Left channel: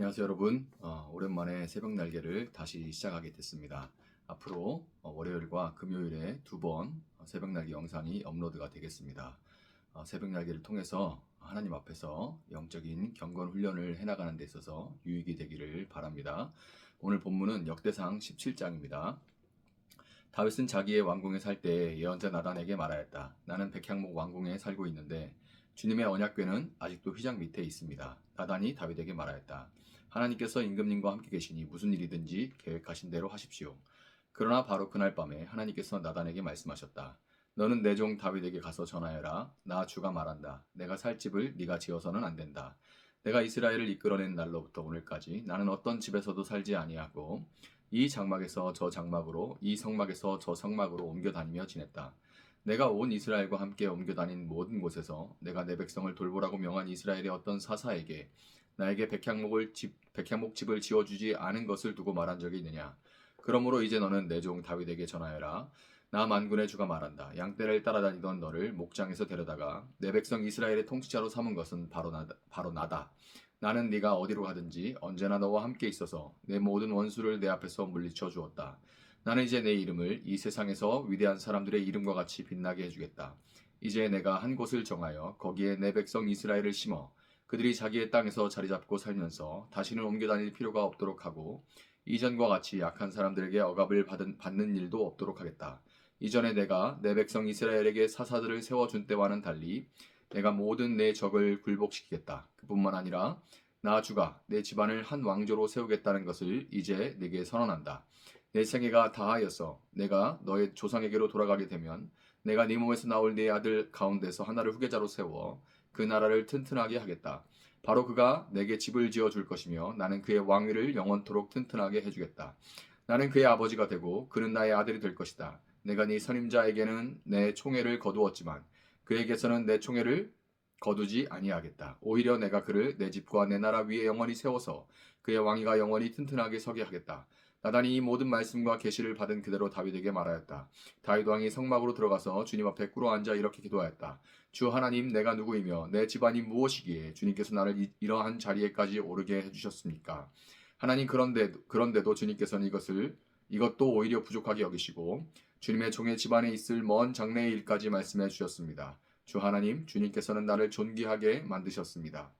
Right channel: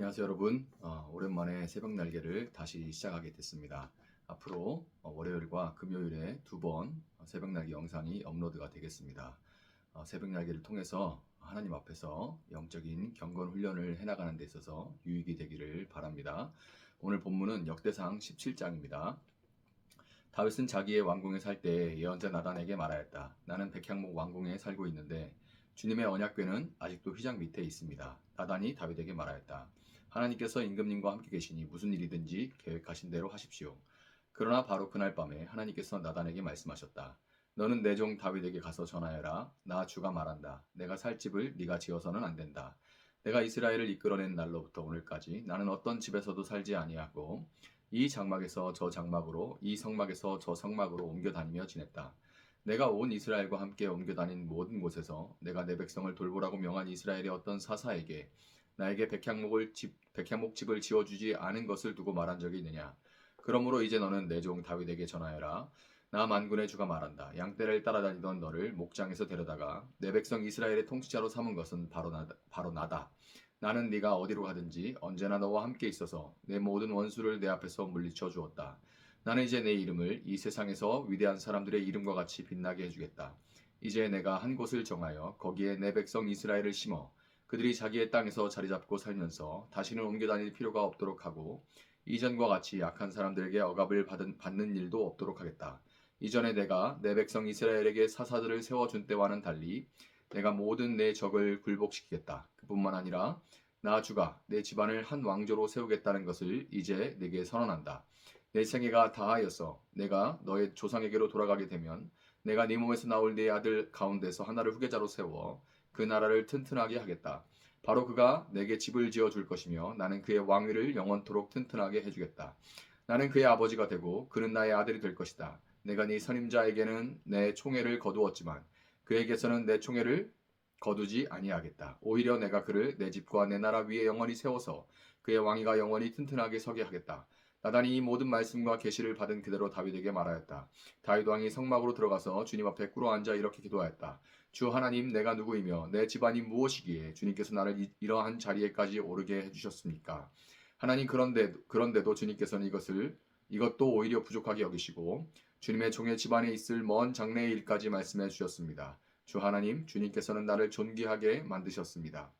안녕하세요 여러분. 오랜만에 새벽 날개를 다시 시작하게 됐습니다. 앞으로 월요일과 금요일에 두 번 새벽 날개 영상이 업로드가 되겠습니다. 새벽 날개를 통해서 하나님 앞에서 영적인 경건 훈련을 해나가는 데 있어서 유익이 되기를 바랍니다. 오늘 본문은 역대상 17장입니다. 다윗은 자기의 왕궁에 살 때 예언자 나단에게 말하였다. 나는 백향목 왕궁에 살고 있는데 주님의 언약궤는 아직도 휘장 밑에 있습니다. 나단이 다윗에게 말하였다. 하나님께서 임금님과 함께 계시니 무슨 일이든지 계획하신 대로 하십시오. 그러나 바로 그날 밤에 하나님께서 나단에게 말씀하셨다. 너는 내 종 다윗에게 가서 전하여라. 나 주가 말한다. 내가 살 집을 네가 지어서는 안 된다. 내가 이스라엘을 이끌어낸 날로부터 오늘까지 나는 어떤 집에서도 살지 아니하고 이 장막에서 저 장막으로 이 성막에서 저 성막으로 옮겨 다니며 지냈다. 내가 온 이스라엘과 함께 옮겨 다닌 모든 곳에서 내가 내 백성을 돌보라고 명한 이스라엘의 어떤 사사에게 나에게 백향목 집을 지어주지 않은 것을 두고 말한 적이 있느냐. 그러므로 이제 너는 내 종 다윗에게 전하여라. 나 만군의 주가 말한다. 양떼를 따라다니던 너를 목장에서 데려다가 내 백성 이스라엘의 통치자로 삼은 것은 바로 나다. 나는 네가 어디로 가든지 언제나 너와 함께 있어서 내 모든 원수를 내 앞에서 물리쳐 주었다. 나는 이제 내 이름을 이 세상에서 위대한 사람들의 이름과 같이 빛나게 해주겠다. 이제 내가 한 곳을 정하여 거기에 내 백성 이스라엘을 심어 그들이 자기의 땅에서 자리 잡고 살면서 다시는 옮겨 다닐 필요가 없도록 하고 이전과 같이 약한 사람들에게 억압을 받는 일도 없도록 하겠다. 이전에 내가 내 백성 이스라엘에게 사사들을 세워준 때와는 달리 내가 모든 내 적을 굴복시키겠다. 그뿐만 아니라 나 주가 내 집안을 한 왕조로 세우겠다는 것을 이제 내게 선언한다. 내 생애가 다하여서 내가 너의 조상에게로 돌아가게 되면 내가 네 몸에서 나올 네 아들 가운데서 하나를 후계자로 세워 그 나라를 튼튼하게 하겠다. 바로 그가 내게 집을 지어줄 것이며 나는 그의 왕위를 영원토록 튼튼하게 해주겠다. 나는 그의 아버지가 되고 그는 나의 아들이 될 것이다. 내가 네 선임자에게는 내 총애를 거두었지만 그에게서는 내 총애를 거두지 아니하겠다. 오히려 내가 그를 내 집과 내 나라 위에 영원히 세워서 그의 왕위가 영원히 튼튼하게 서게 하겠다. 나단이 이 모든 말씀과 계시를 받은 그대로 다윗에게 말하였다. 다윗 왕이 성막으로 들어가서 주님 앞에 꿇어 앉아 이렇게 기도하였다. 주 하나님, 내가 누구이며 내 집안이 무엇이기에 주님께서 나를 이러한 자리에까지 오르게 해주셨습니까? 하나님, 그런데도 주님께서는 이것도 오히려 부족하게 여기시고 주님의 종의 집안에 있을 먼 장래의 일까지 말씀해 주셨습니다. 주 하나님, 주님께서는 나를 존귀하게 만드셨습니다.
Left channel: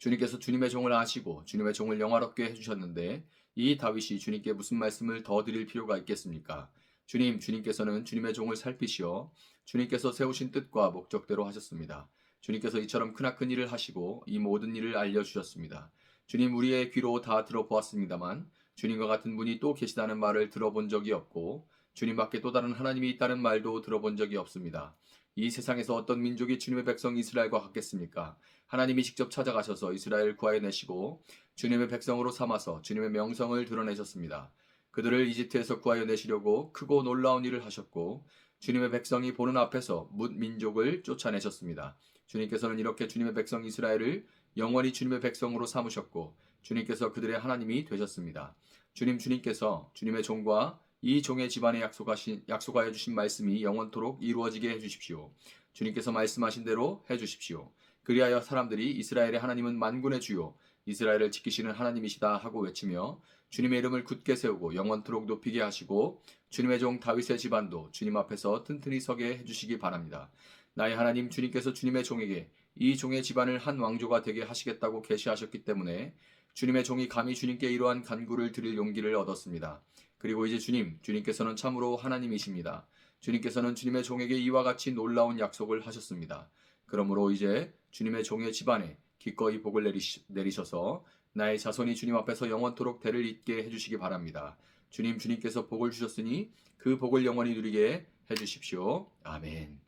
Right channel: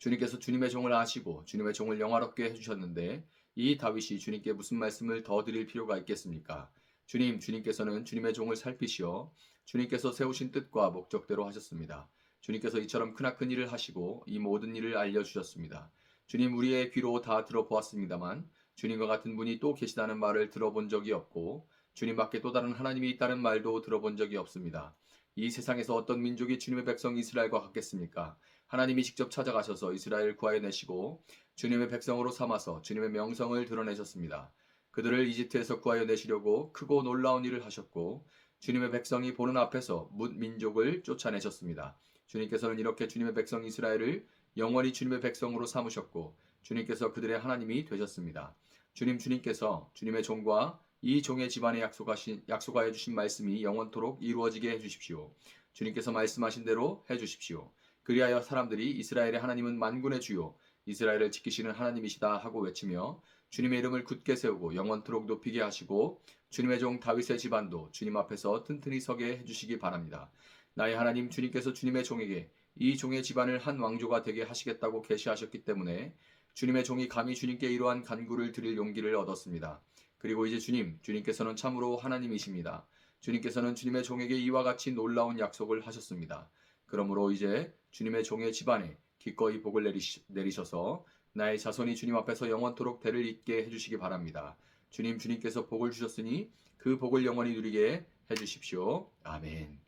주님께서 주님의 종을 아시고 주님의 종을 영화롭게 해주셨는데 이 다윗이 주님께 무슨 말씀을 더 드릴 필요가 있겠습니까? 주님께서는 주님의 종을 살피시어 주님께서 세우신 뜻과 목적대로 하셨습니다. 주님께서 이처럼 크나큰 일을 하시고 이 모든 일을 알려주셨습니다. 주님, 우리의 귀로 다 들어보았습니다만 주님과 같은 분이 또 계시다는 말을 들어본 적이 없고 주님밖에 또 다른 하나님이 있다는 말도 들어본 적이 없습니다. 이 세상에서 어떤 민족이 주님의 백성 이스라엘과 같겠습니까? 하나님이 직접 찾아가셔서 이스라엘을 구하여내시고 주님의 백성으로 삼아서 주님의 명성을 드러내셨습니다. 그들을 이집트에서 구하여 내시려고 크고 놀라운 일을 하셨고 주님의 백성이 보는 앞에서 뭇 민족을 쫓아내셨습니다. 주님께서는 이렇게 주님의 백성 이스라엘을 영원히 주님의 백성으로 삼으셨고 주님께서 그들의 하나님이 되셨습니다. 주님께서 주님의 종과 이 종의 집안에 약속하여 주신 말씀이 영원토록 이루어지게 해주십시오. 주님께서 말씀하신 대로 해주십시오. 그리하여 사람들이 이스라엘의 하나님은 만군의 주요 이스라엘을 지키시는 하나님이시다 하고 외치며 주님의 이름을 굳게 세우고 영원토록 높이게 하시고 주님의 종 다윗의 집안도 주님 앞에서 튼튼히 서게 해주시기 바랍니다. 나의 하나님 주님께서 주님의 종에게 이 종의 집안을 한 왕조가 되게 하시겠다고 계시하셨기 때문에 주님의 종이 감히 주님께 이러한 간구를 드릴 용기를 얻었습니다. 그리고 이제 주님께서는 참으로 하나님이십니다. 주님께서는 주님의 종에게 이와 같이 놀라운 약속을 하셨습니다. 그러므로 이제 주님의 종의 집안에 기꺼이 복을 내리셔서 나의 자손이 주님 앞에서 영원토록 대를 잇게 해주시기 바랍니다. 주님께서 복을 주셨으니 그 복을 영원히 누리게 해주십시오. 아멘.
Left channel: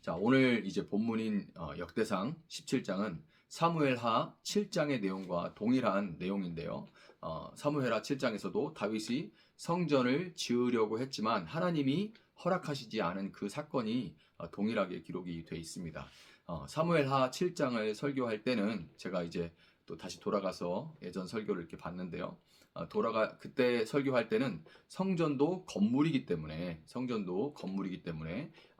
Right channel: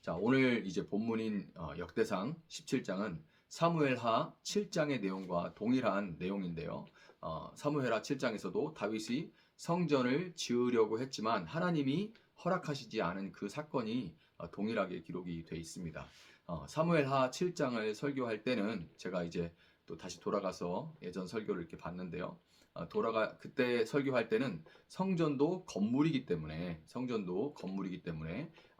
자, 오늘 이제 본문인 역대상 17장은 사무엘하 7장의 내용과 동일한 내용인데요. 사무엘하 7장에서도 다윗이 성전을 지으려고 했지만 하나님이 허락하시지 않은 그 사건이 동일하게 기록이 되어 있습니다. 사무엘하 7장을 설교할 때는 제가 이제 또 다시 돌아가서 예전 설교를 이렇게 봤는데요. 그때 설교할 때는 성전도 건물이기 때문에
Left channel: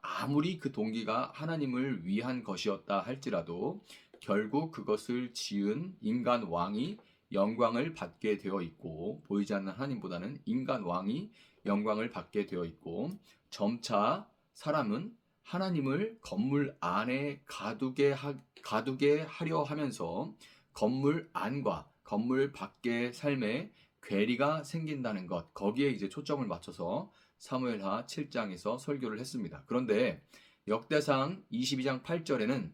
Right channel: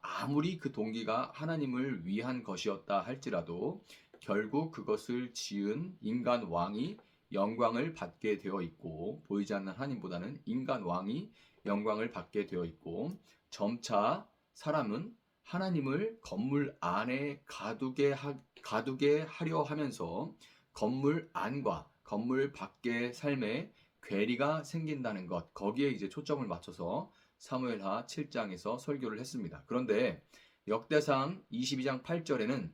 아무리 그 동기가 하나님을 위한 것이었다 할지라도 결국 그것을 지은 인간 왕이 영광을 받게 되어 있고, 보이지 않는 하나님보다는 인간 왕이 영광을 받게 되어 있고, 점차 사람은 하나님을 건물 안에 가두게 하려 하면서 건물 안과 건물 밖의 삶에 괴리가 생긴다는 것, 거기에 이제 초점을 맞춰서 사무엘하 7장에서 설교를 했습니다. 그런데 역대상 22장 8절에는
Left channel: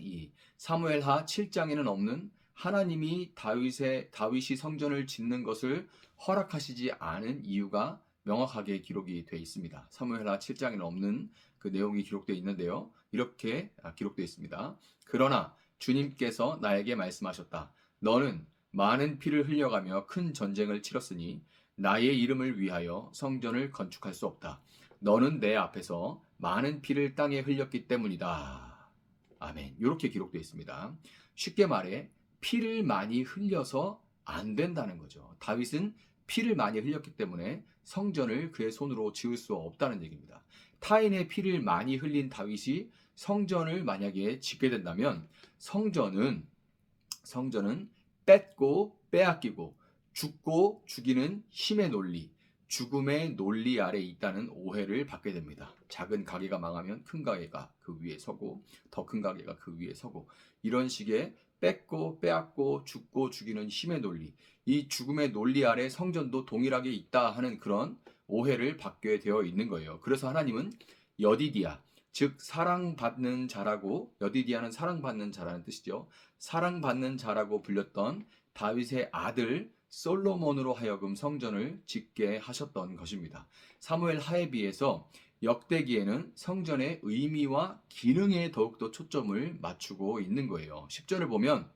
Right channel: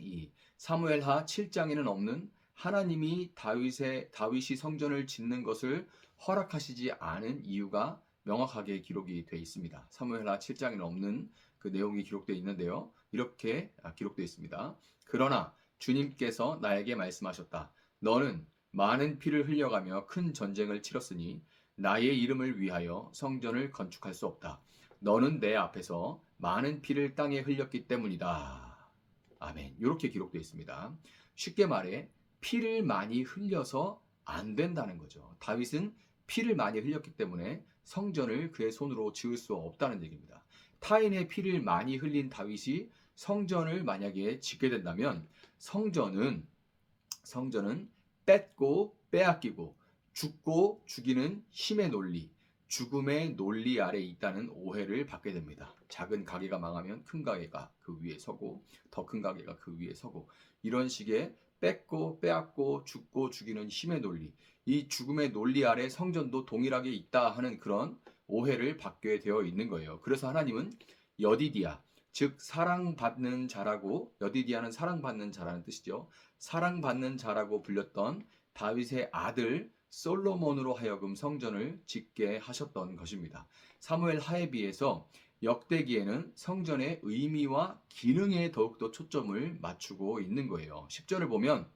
이 사무엘하 7장에는 없는 하나님이 다윗이 성전을 짓는 것을 허락하시지 않은 이유가 명확하게 기록이 되어 있습니다. 사무엘하 7장에는 없는 그 내용이 기록되어 있는데요. 이렇게 기록되어 있습니다. 그러나 주님께서 나에게 말씀하셨다. 너는 많은 피를 흘려가며 큰 전쟁을 치렀으니 나의 이름을 위하여 성전을 건축할 수 없다. 너는 내 앞에서 많은 피를 땅에 흘렸기 때문이다. 아멘. 이렇게 기록되어 있습니다. 쉽게 말해 피를 많이 흘려서 안 된다는 거죠. 다윗은 피를 많이 흘렸기 때문에 성전을 그의 손으로 지을 수 없다는 얘기입니다. 타인의 피를 많이 흘린 다윗이 성전을 만약에 짓게 된다면 성전은 뺏고 빼앗기고 죽고 죽이는 힘의 논리, 죽음의 논리 아래 있다는 오해를 받게 됩니다. 작은 가게가 망하면 큰 가게가 그 위에 서고 더 큰 가게가 그 위에 서고, 이런 식의 뺏고 빼앗고 죽고 죽이는 힘의 논리, 이 죽음의 논리 아래 성전도 동일하게 있다 하는 그런 오해를 받게 되어 있는 거예요. 그래서 하나님은 여디디아, 즉 사랑받는 자라고, 여디디아는 사랑받는 자라는 뜻이죠. 사랑받는 자라고 불렸던 다윗의 아들 솔로몬으로 하여금 성전을 짓게 하셨던 것입니다. 사무엘 하에 비해서 역대기에는 성전의 의미와 기능에 더욱더 초점을 맞추고 있는 거예요. 10절을 보면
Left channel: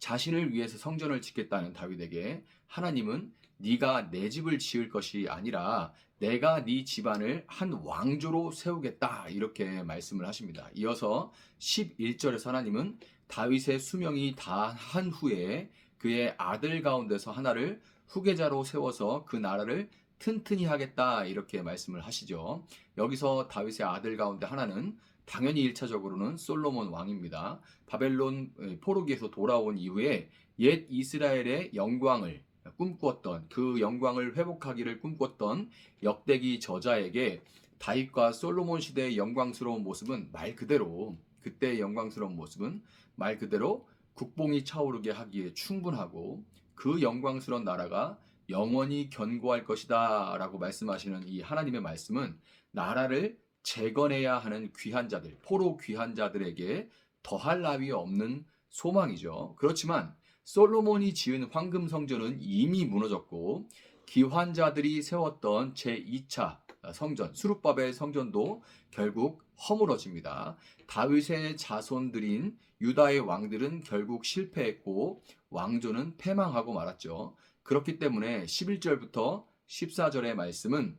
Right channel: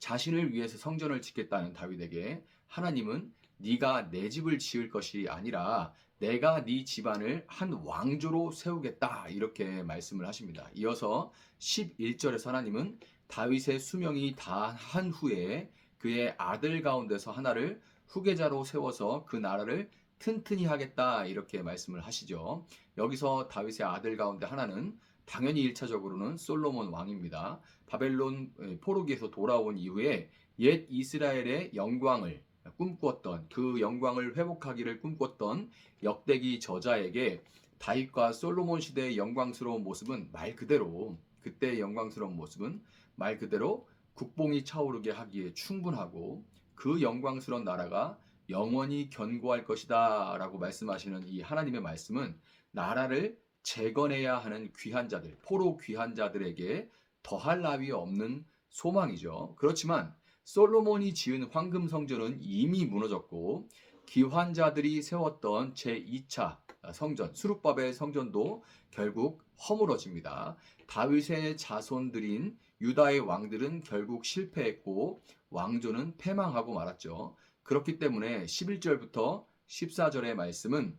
자신을 위해서 성전을 짓겠다는 다윗에게 하나님은 네가 내 집을 지을 것이 아니라 내가 네 집안을 한 왕조로 세우겠다, 이렇게 말씀을 하십니다. 이어서 11절에서 하나님은 다윗의 수명이 다한 후에 그의 아들 가운데서 하나를 후계자로 세워서 그 나라를 튼튼히 하겠다, 이렇게 말씀을 하시죠. 여기서 다윗의 아들 가운데 하나는 당연히 1차적으로는 솔로몬 왕입니다. 바벨론 포로기에서 돌아온 이후에 옛 이스라엘의 영광을 꿈꾸었던, 그 영광을 회복하기를 꿈꿨던 역대기 저자에게 다윗과 솔로몬 시대의 영광스러운 모습은 말 그대로, 그때의 영광스러운 모습은 말 그대로 국뽕이 차오르게 하기에 충분하고 그 영광스러운 나라가 영원히 견고할 것이다 라고 말씀하시는 이 하나님의 말씀은 나라를 재건해야 하는 귀한 자들, 포로 귀한 자들에게 더할 나위 없는 소망이죠. 그렇지만 솔로몬이 지은 황금 성전은 이미 무너졌고 기환자들이 세웠던 제2차 성전, 수룹바벨 성전도 결국 허물어집니다. 다윗의 자손들인 유다의 왕들은 결국 실패했고 왕조는 패망하고 말았죠. 그렇기 때문에 11절부터 14절의 말씀은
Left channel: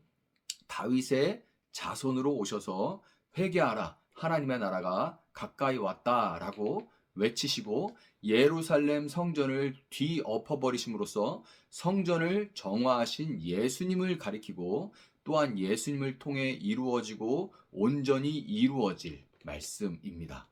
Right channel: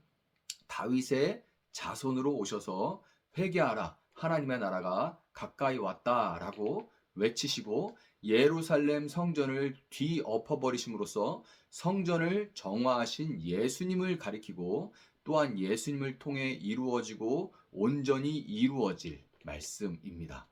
다윗의 자손으로 오셔서 회개하라, 하나님의 나라가 가까이 왔다라고 외치시고 예루살렘 성전을 뒤엎어버리심으로써 성전을 정화하신 예수님을 가리키고 또한 예수님을 통해 이루어지고 온전히 이루어질 말씀입니다.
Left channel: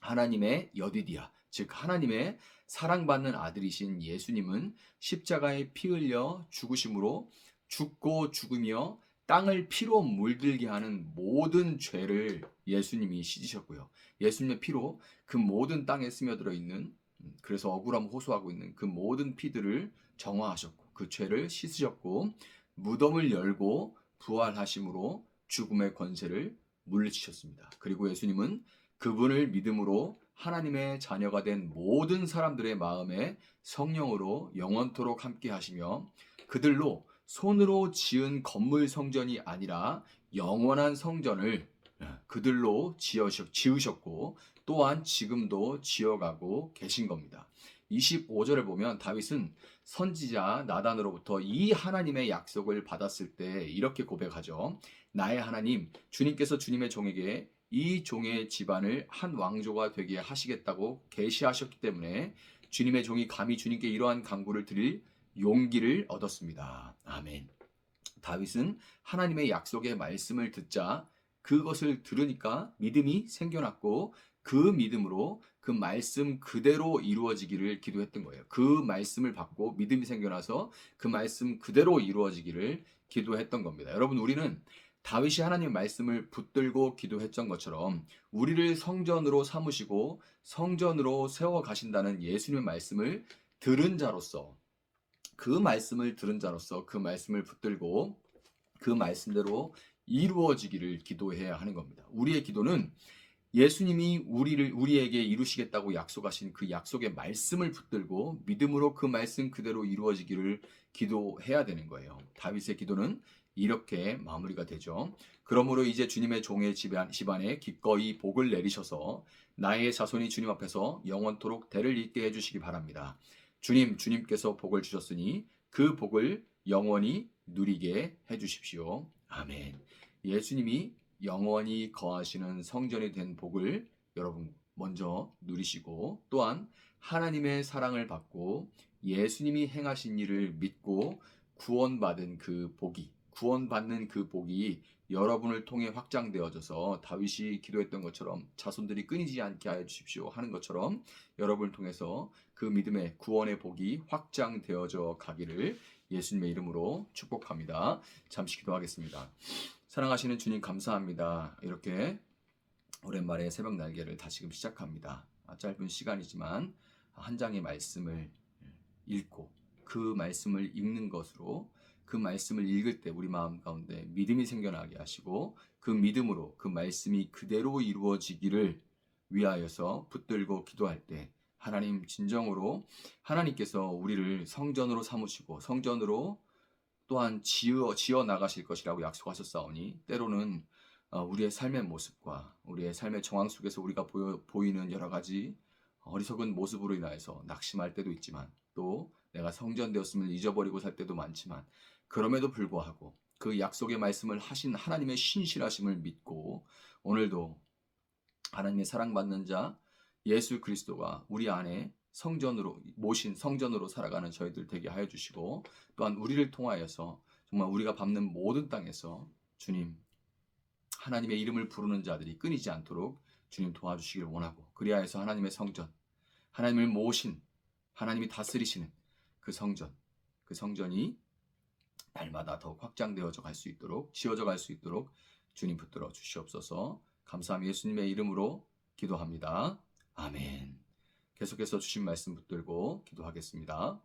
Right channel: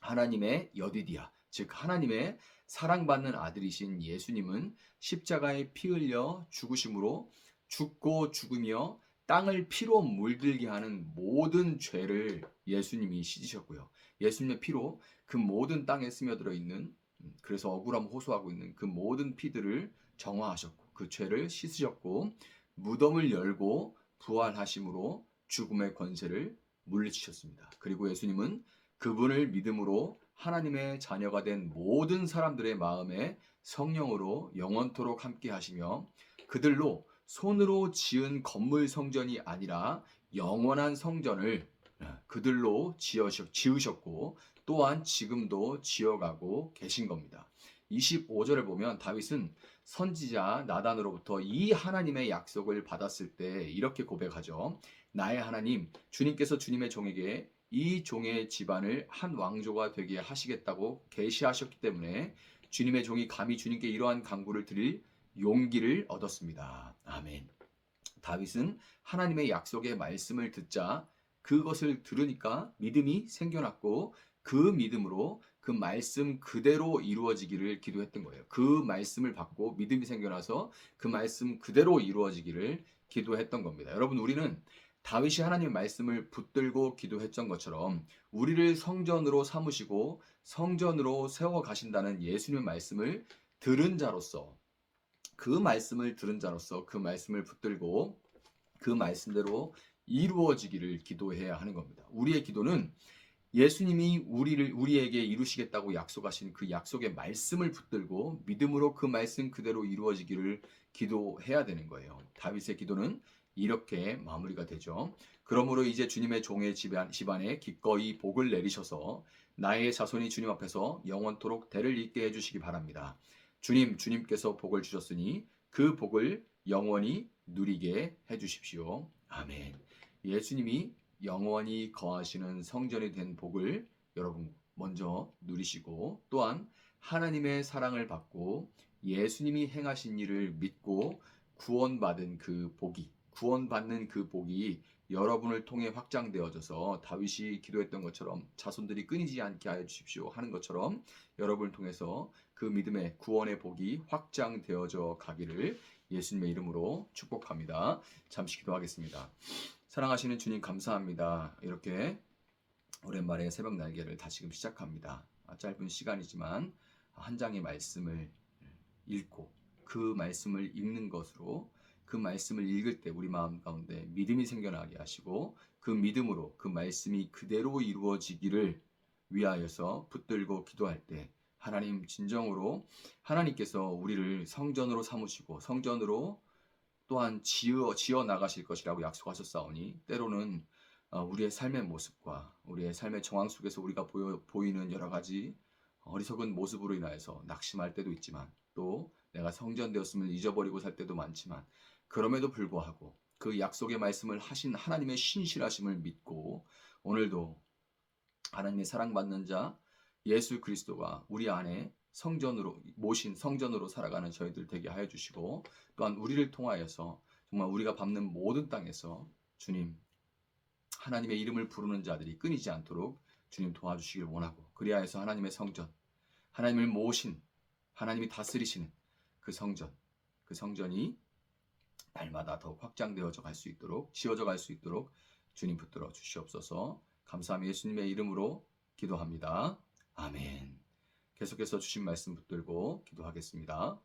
하나님의 여디디아, 즉 하나님의 사랑받는 아들이신 예수님은 십자가에 피 흘려 죽으심으로 죽고 죽으며 땅을 피로 물들게 하는 모든 죄를 예수님이 씻으셨고요. 예수님의 피로 그 모든 땅에 스며들어 있는, 그래서 억울함 호소하고 있는 그 모든 피들을 정화하셨고 그 죄를 씻으셨고 무덤을 열고 부활하심으로 죽음의 권세를 물리치셨습니다. 그리고 예수님은 그분을 믿음으로 하나님의 자녀가 된 모든 사람들의 마음에 성령으로 영원토록 함께 하시며 그들로 손으로 지은 건물 성전이 아니라 영원한 성전을 그들로 지으셨고 또한 지금도 지어가고 계신 겁니다. 25절을 보면 다윗은 선지자 나단으로부터 이 하나님의 약속을 받았을 때 이렇게 고백하죠. 나의 하나님, 주님께서 주님의 종에게 이 종의 집안을 한 왕조가 되게 하시겠다고 계시하셨기 때문에 주님의 종이 감히 주님께 이러한 간구를 드릴 용기를 얻었습니다. 아멘. 다윗은 하나님의 약속의 말씀을 듣자 그것을 들으니까 믿음이 생겨났고 그 믿음으로 그 말씀 그대로 이루어지기를 기도했던 거예요. 그 말씀을 받고 믿음이 생겨나서 그 말씀 그대로 이루어지기를 기도했던 겁니다. 여러분, 우리는 다윗이 하나님의 말씀을 붙들고 기도했던 것처럼 우리를 성전으로 삼으시고 성전으로 세워 가신다는 예수님의 말씀을 들은 자로서, 그 말씀을 들은 자로서 그 말씀을 붙들고 그 말씀대로 이루어지기를 기도해야 하는 겁니다. 우리의 기도는 예수님이 우리에게 이루시겠다고 약속하신 그 약속의 말씀을 붙들고 믿음으로 그 말씀 그대로 이루어지기를 기도해야 되는 거예요. 다윗의 기도는 이렇게 마무리가 되죠. 그러므로 이제 주님의 종의 집안에 기꺼이 복을 내리셔서 나의 자손이 주님 앞에서 영원토록 대를 잇게 해주시기 바랍니다. 주님께서 복을 주셨으니 그 복을 영원히 누리게 해주십시오. 아멘. 예수님이 영원히 거하시는 성전이 된 복을 여러분 먼저 누리시고, 또한 하나님의 사랑을 받고 예수님이 행하신 일을 믿고 구원받는 그 복이 여러분을 통해 확장되어져서 다윗이 기도했던 것처럼 자손들이 끊이지 않게 하여 주십시오 하는 것처럼 여러분을 통해서 그 믿음의 구원의 복이 확장되어져 가기를 예수님의 이름으로 축복합니다. 잠시 기도하겠습니다. 사랑하시는 주님, 감사합니다. 이렇게 오랜만에 새벽 날개를 다시금 시작합니다. 짧은 시간이지만 한 장의 말씀을 읽고 그 말씀을 읽는 것으로 그 말씀을 읽을 때 우리 마음 가운데 믿음이 생겨나게 하시고 그 믿음으로 그 말씀이 그대로 이루어지기를 위하여서 붙들고 기도할 때 하나님, 진정으로 하나님께서 우리를 성전으로 삼으시고 성전으로 또한 지어 나가실 것이라고 약속하셨사오니, 때로는 우리의 삶의 모습과 우리의 삶의 정황 속에서 우리가 보이는 여러 가지 어리석은 모습으로 인하여서 낙심할 때도 있지만, 또 내가 성전되었음을 잊어버리고 살 때도 많지만, 그럼에도 불구하고 그 약속의 말씀을 하신 하나님의 신실하심을 믿고 오늘도 하나님의 사랑받는 자 예수 그리스도가 우리 안에 모신 성전으로 살아가는 저희들 되게 하여 주시고, 또한 우리를 통하여서 정말 우리가 밟는 모든 땅에서 주님, 하나님의 이름을 부르는 자들이 끊이지 않도록 주님 도와주시길 원하고, 그리하여서 하나님의 성전, 하나님을 모신, 하나님이 다스리시는 그 성전이 날마다 더욱 확장되어져 갈 수 있도록, 지어져 갈 수 있도록 주님 붙들어 주시옵소서. 감사하며 예수님의 이름으로 기도합니다. 아멘. 계속해서 주신 말씀 붙들고 기도하겠습니다.